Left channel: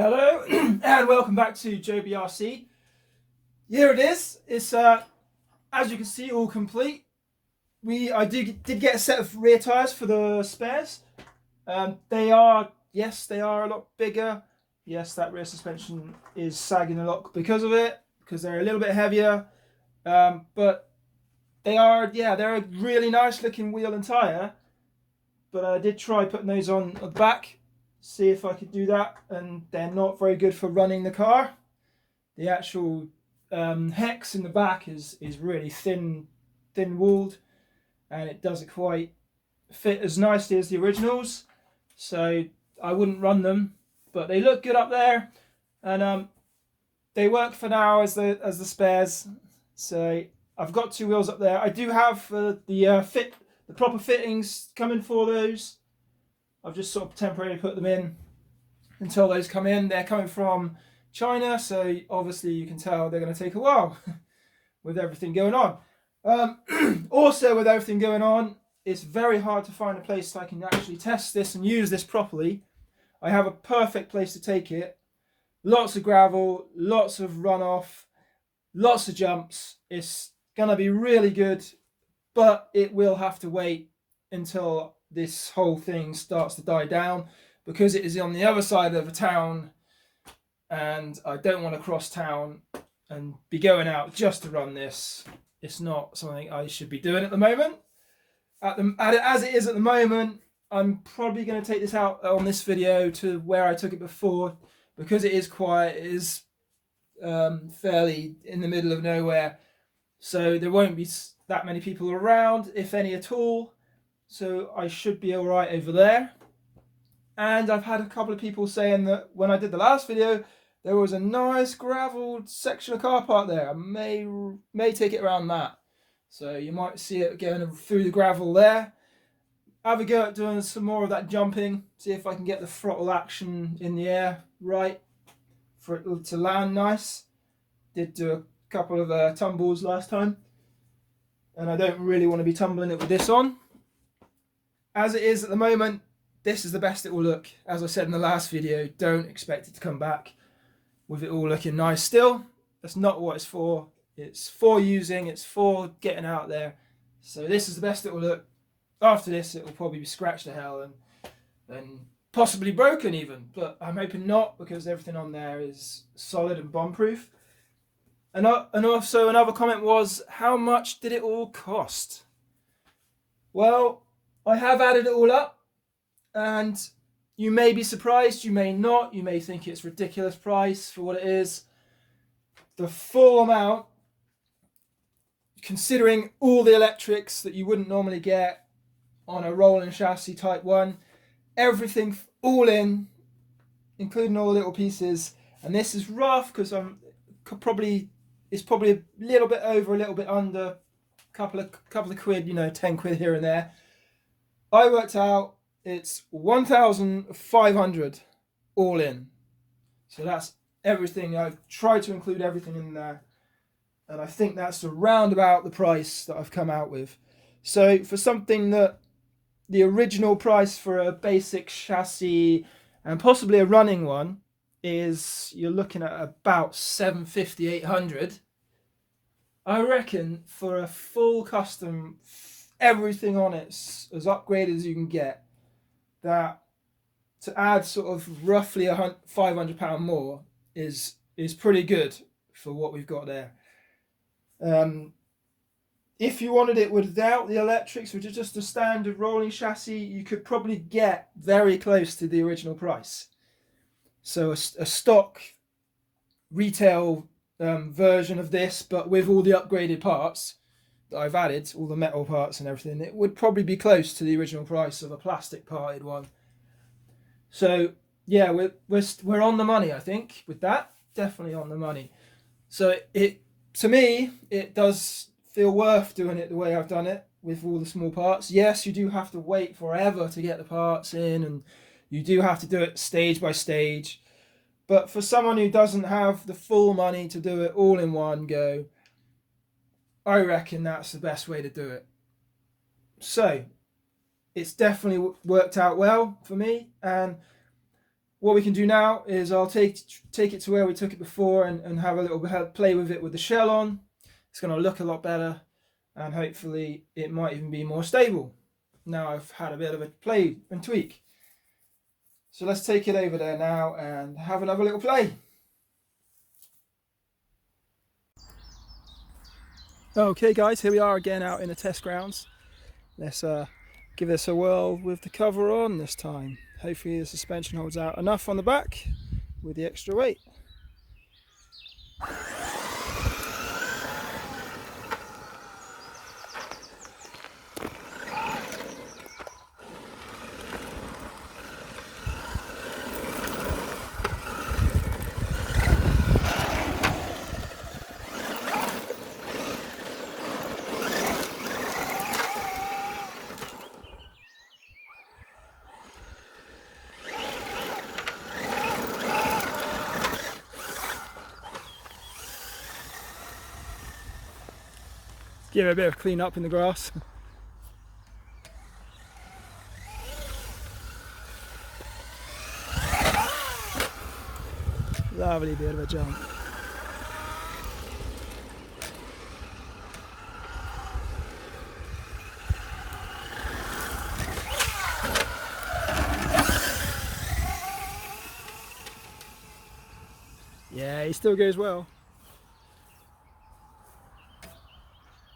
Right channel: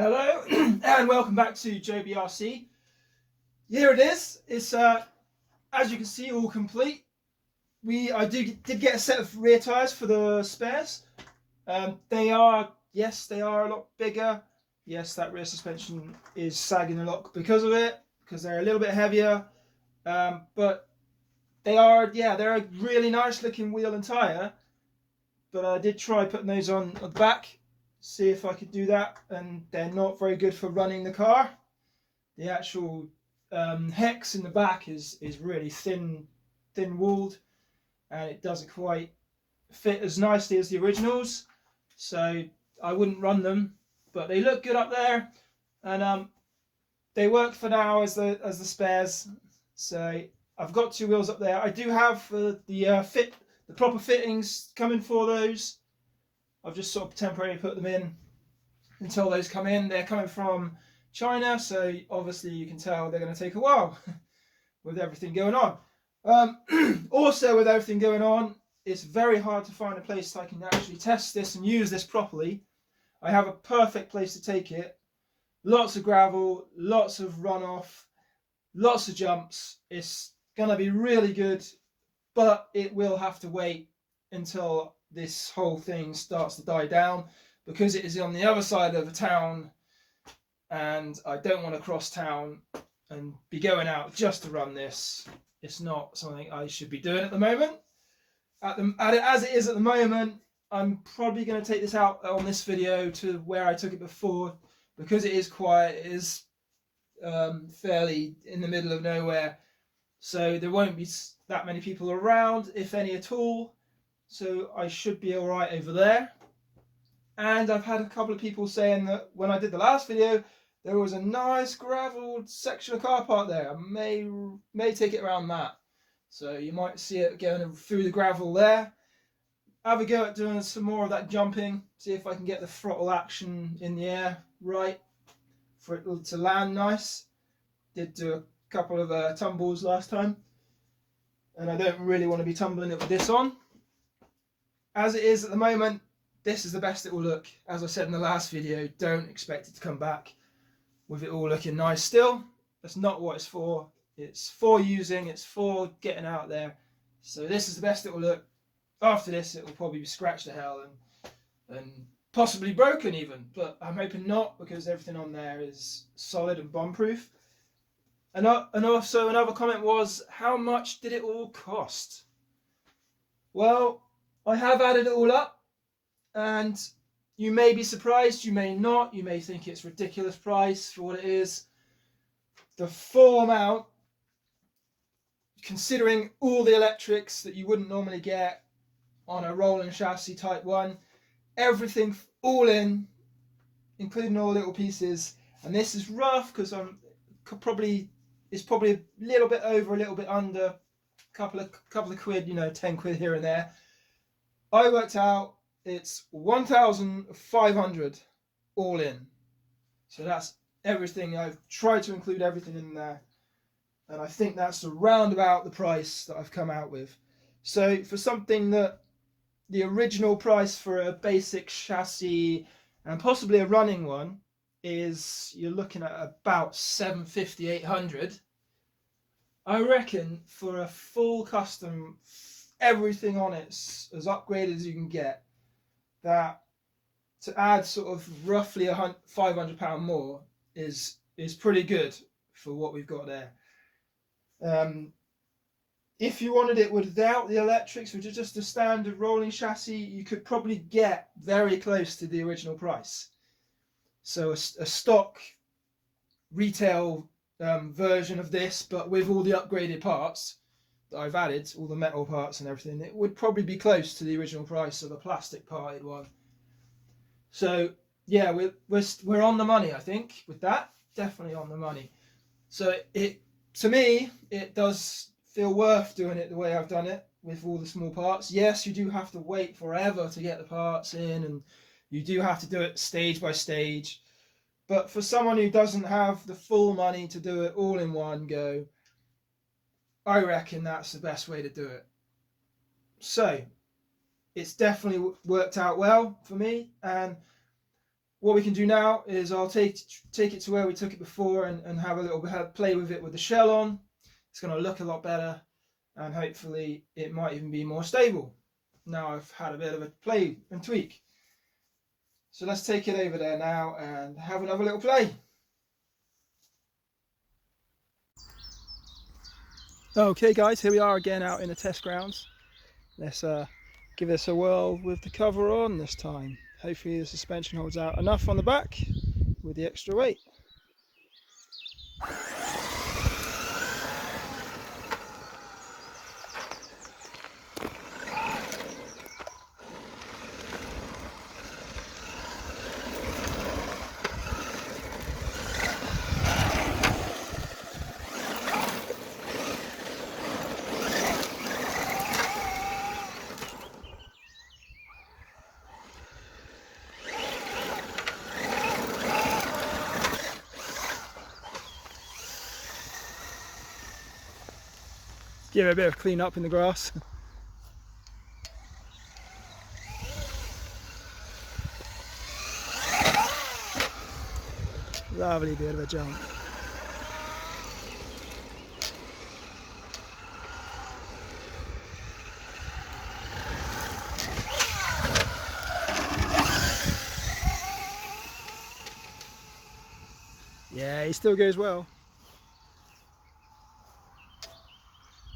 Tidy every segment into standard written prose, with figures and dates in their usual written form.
Hello and welcome back to JBRC. Here it is. It's as you can see, all complete. I did get a set of rear tyres for the spares. They are a lot bigger. Yes, that rear suspension is sagging a lot because of it, because they're a little bit heavier. But they're a really nice looking wheel and tyre. But I did try putting those on the back, see if I could do that, and they're not very good for running the car. The actual hex in the back is really thin walled, and it doesn't quite fit as nicely as the originals, so I wouldn't run them. But they look good up there, and they work for now as the spares. So I've got two wheels up there. I do have the proper fittings coming for those. I've just sort of temporarily put them in until those come in. They're coming from China, so obviously you can tell they're going to take a while with everything going on. Also, with everything going on, it's very hard to find a place that I can actually test this and use this properly. I have a perfect place to take it. Lots of gravel, lots of runoff, lots of jumps. It's going to be really good, but it will have to wait until this whole thing starts to die down, because it is on the other side of a town, and I don't want to cross town and be going out just to run this. It's not something I should be doing at the moment. As it is at the moment, I'm probably going to take this out on this video to where I took it before, because it is quiet. It is fairly in the middle of nowhere, so there won't be that many people around, if any at all. So I should be all right over there. And I've had a couple of people saying that when I did the last video, there was a nice gravel section of car park there. I may take it around that. So you might see it going through the gravel there. Have a go at doing some more of that jumping. See if I can get the throttle action in the air right for it to land nice. Did do a couple of tumbles last time, and I don't really want to be tumbling it with this on. As it is at the moment, this is the best it will look. As I said in the last video, don't expect it to come back with it all looking nice still. That's not what it's for. It's for using, it's for getting out there. So this is the best it will look. After this, it will probably be scratched to hell and possibly broken even, but I'm hoping not, because everything on there is solid and bomb-proof. And also another comment was, how much did it all cost? Well, I have added it all up, and you may be surprised, you may not, you may think it's a ridiculous price for what it is. The full amount, considering all the electrics that you wouldn't normally get on a rolling chassis type 1, everything all in, including all the little pieces, and this is rough because it's probably a little bit over, a little bit under, a couple of quid, 10 quid here and there. I worked out it's 1,500 all in. So that's everything. I've tried to include everything in there, and I think that's around about the price that I've come out with. So for something that the original price for a basic chassis and possibly a running one is, you're looking at about 750, 800. I reckon for a full custom, everything on it's as upgraded as you can get, that to add sort of roughly £500 more is pretty good for what we've got there. If you wanted it without the electrics, which is just a standard rolling chassis, you could probably get very close to the original price. So a stock retail version of this, but with all the upgraded parts that I've added, all the metal parts and everything, it would probably be close to the original price of a plastic parted one. So yeah, we're on the money, I think, with that. Definitely on the money. So to me, it does feel worth doing it the way I've done it, with all the small parts. Yes, you do have to wait forever to get the parts in, and you do have to do it stage by stage. But for someone who doesn't have the full money to do it all in one go, I reckon that's the best way to do it. So it's definitely worked out well for me, and what we can do now is I'll take it to where we took it before and have a little play with it with the shell on. It's going to look a lot better, and hopefully it might even be more stable. Now I've had a bit of a play and tweak. So let's take it over there now and have another little play. Okay guys, here we are again out in the test grounds. Let's give this a whirl with the cover on this time. Hopefully the suspension holds out enough on the back with the extra weight. Give it a bit of clean up in the grass. Lovely bit of a jump. Yeah, he still goes well.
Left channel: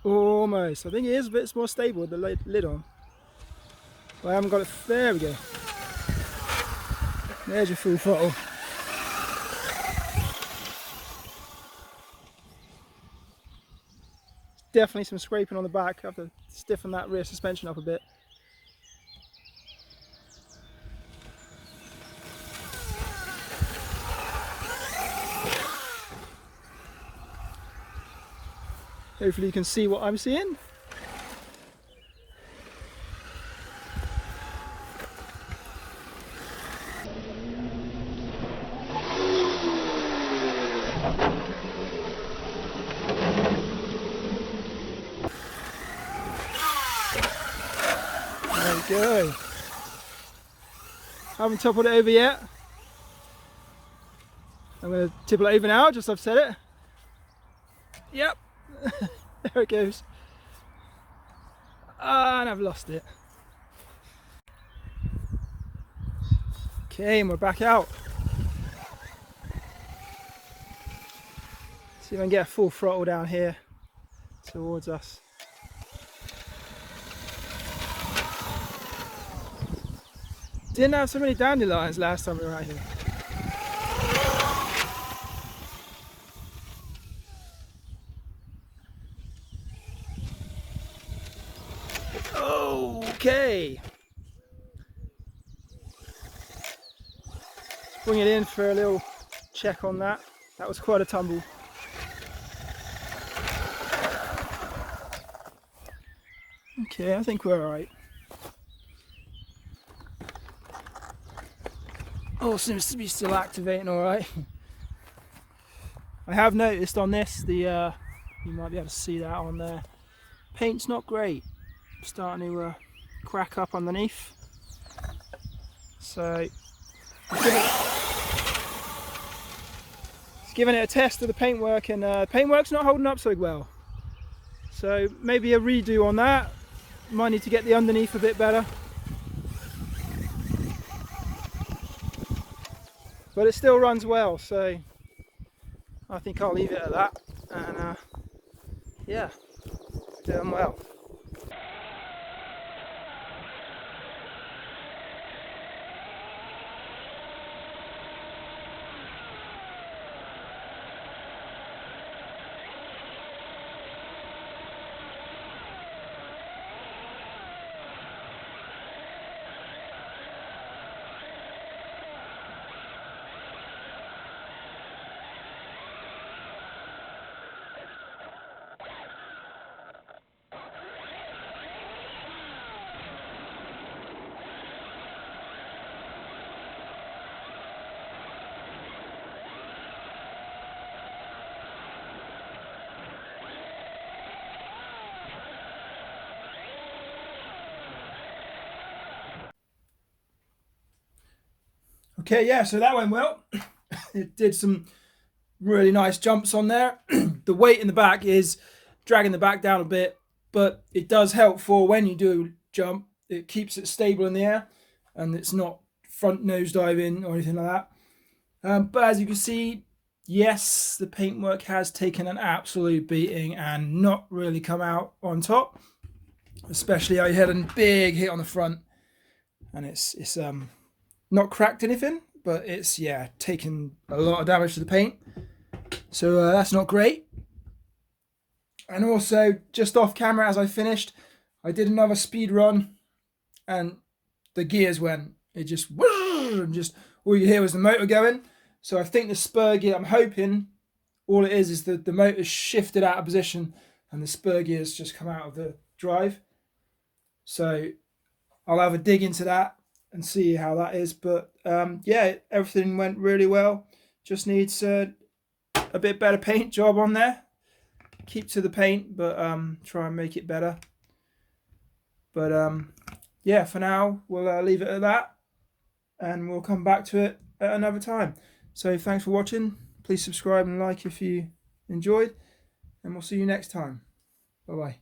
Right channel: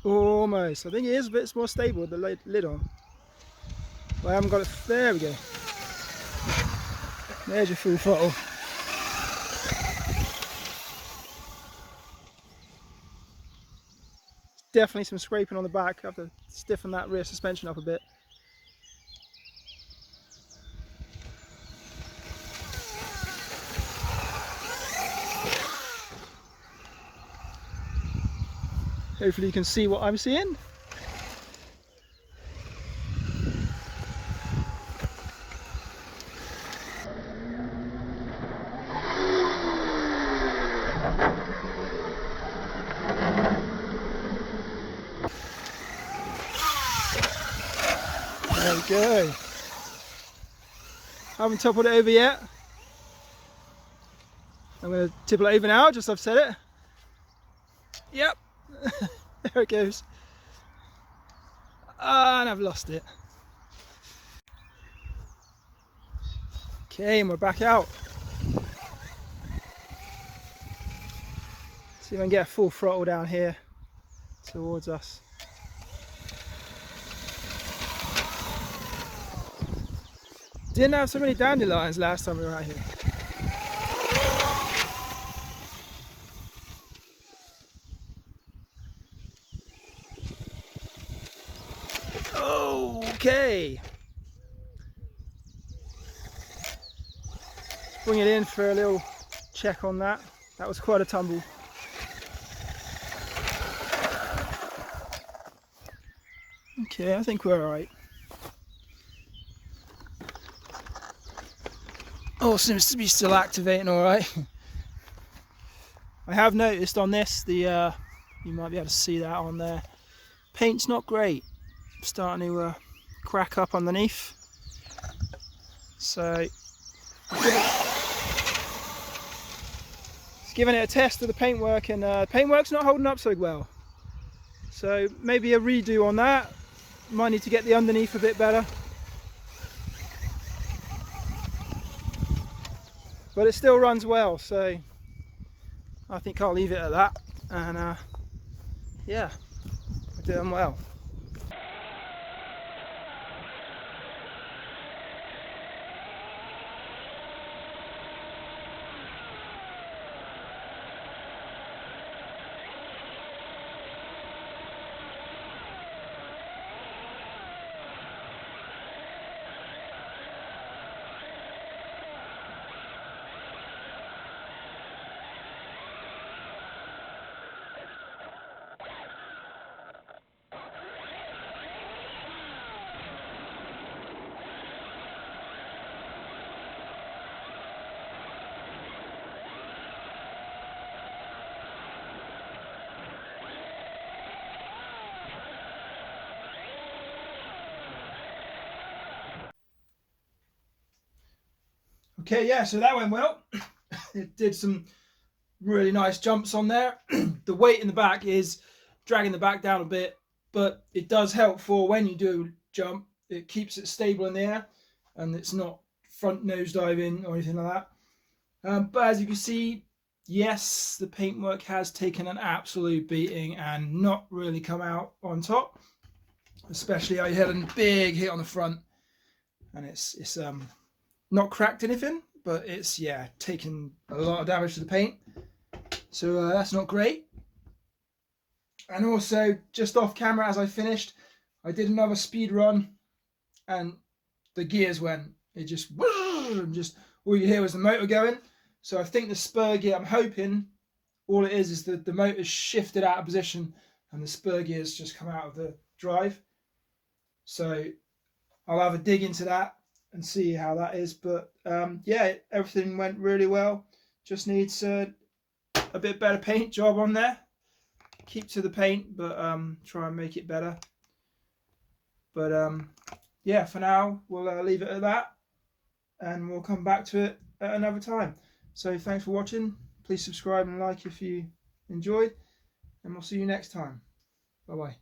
Almost. I think it is a bit more stable with the lid on. But I haven't got it. There we go. There's your full throttle. Definitely some scraping on the back. I have to stiffen that rear suspension up a bit. Hopefully you can see what I'm seeing. There we go. Haven't toppled it over yet. I'm going to tipple it over now, just I've said it. Yep. There it goes. And I've lost it. Okay, and we're back out. See if I can get a full throttle down here towards us. Didn't have so many dandelions last time we were out here. Okay. Bring it in for a little check on that. That was quite a tumble. Okay, I think we're alright. Oh, seems to be still activating alright. I have noticed on this, you might be able to see that on there. Paint's not great. Starting to crack up underneath. So, giving it a test of the paintwork, and paintwork's not holding up so well. So maybe a redo on that. Might need to get the underneath a bit better. But it still runs well, so I think I'll leave it at that. And yeah, doing well. Okay, yeah, so that went well. It did some really nice jumps on there. The weight in the back is dragging the back down a bit, but it does help for when you do jump. It keeps it stable in the air and it's not front nose diving or anything like that. But as you can see, yes, the paintwork has taken an absolute beating and not really come out on top. Especially I had a big hit on the front, and it's not cracked anything, but it's, yeah, taken a lot of damage to the paint. So that's not great. And also, just off camera as I finished, I did another speed run, and the gears went. It just, and just all you hear was the motor going. So I think the spur gear, I'm hoping all it is that the motor's shifted out of position and the spur gears just come out of the drive. So I'll have a dig into that and see how that is. But yeah, everything went really well. Just needs a bit better paint job on there. Keep to the paint, but try and make it better. But yeah, for now we'll leave it at that, and we'll come back to it at another time. So thanks for watching. Please subscribe and like if you enjoyed, and we'll see you next time. Bye bye.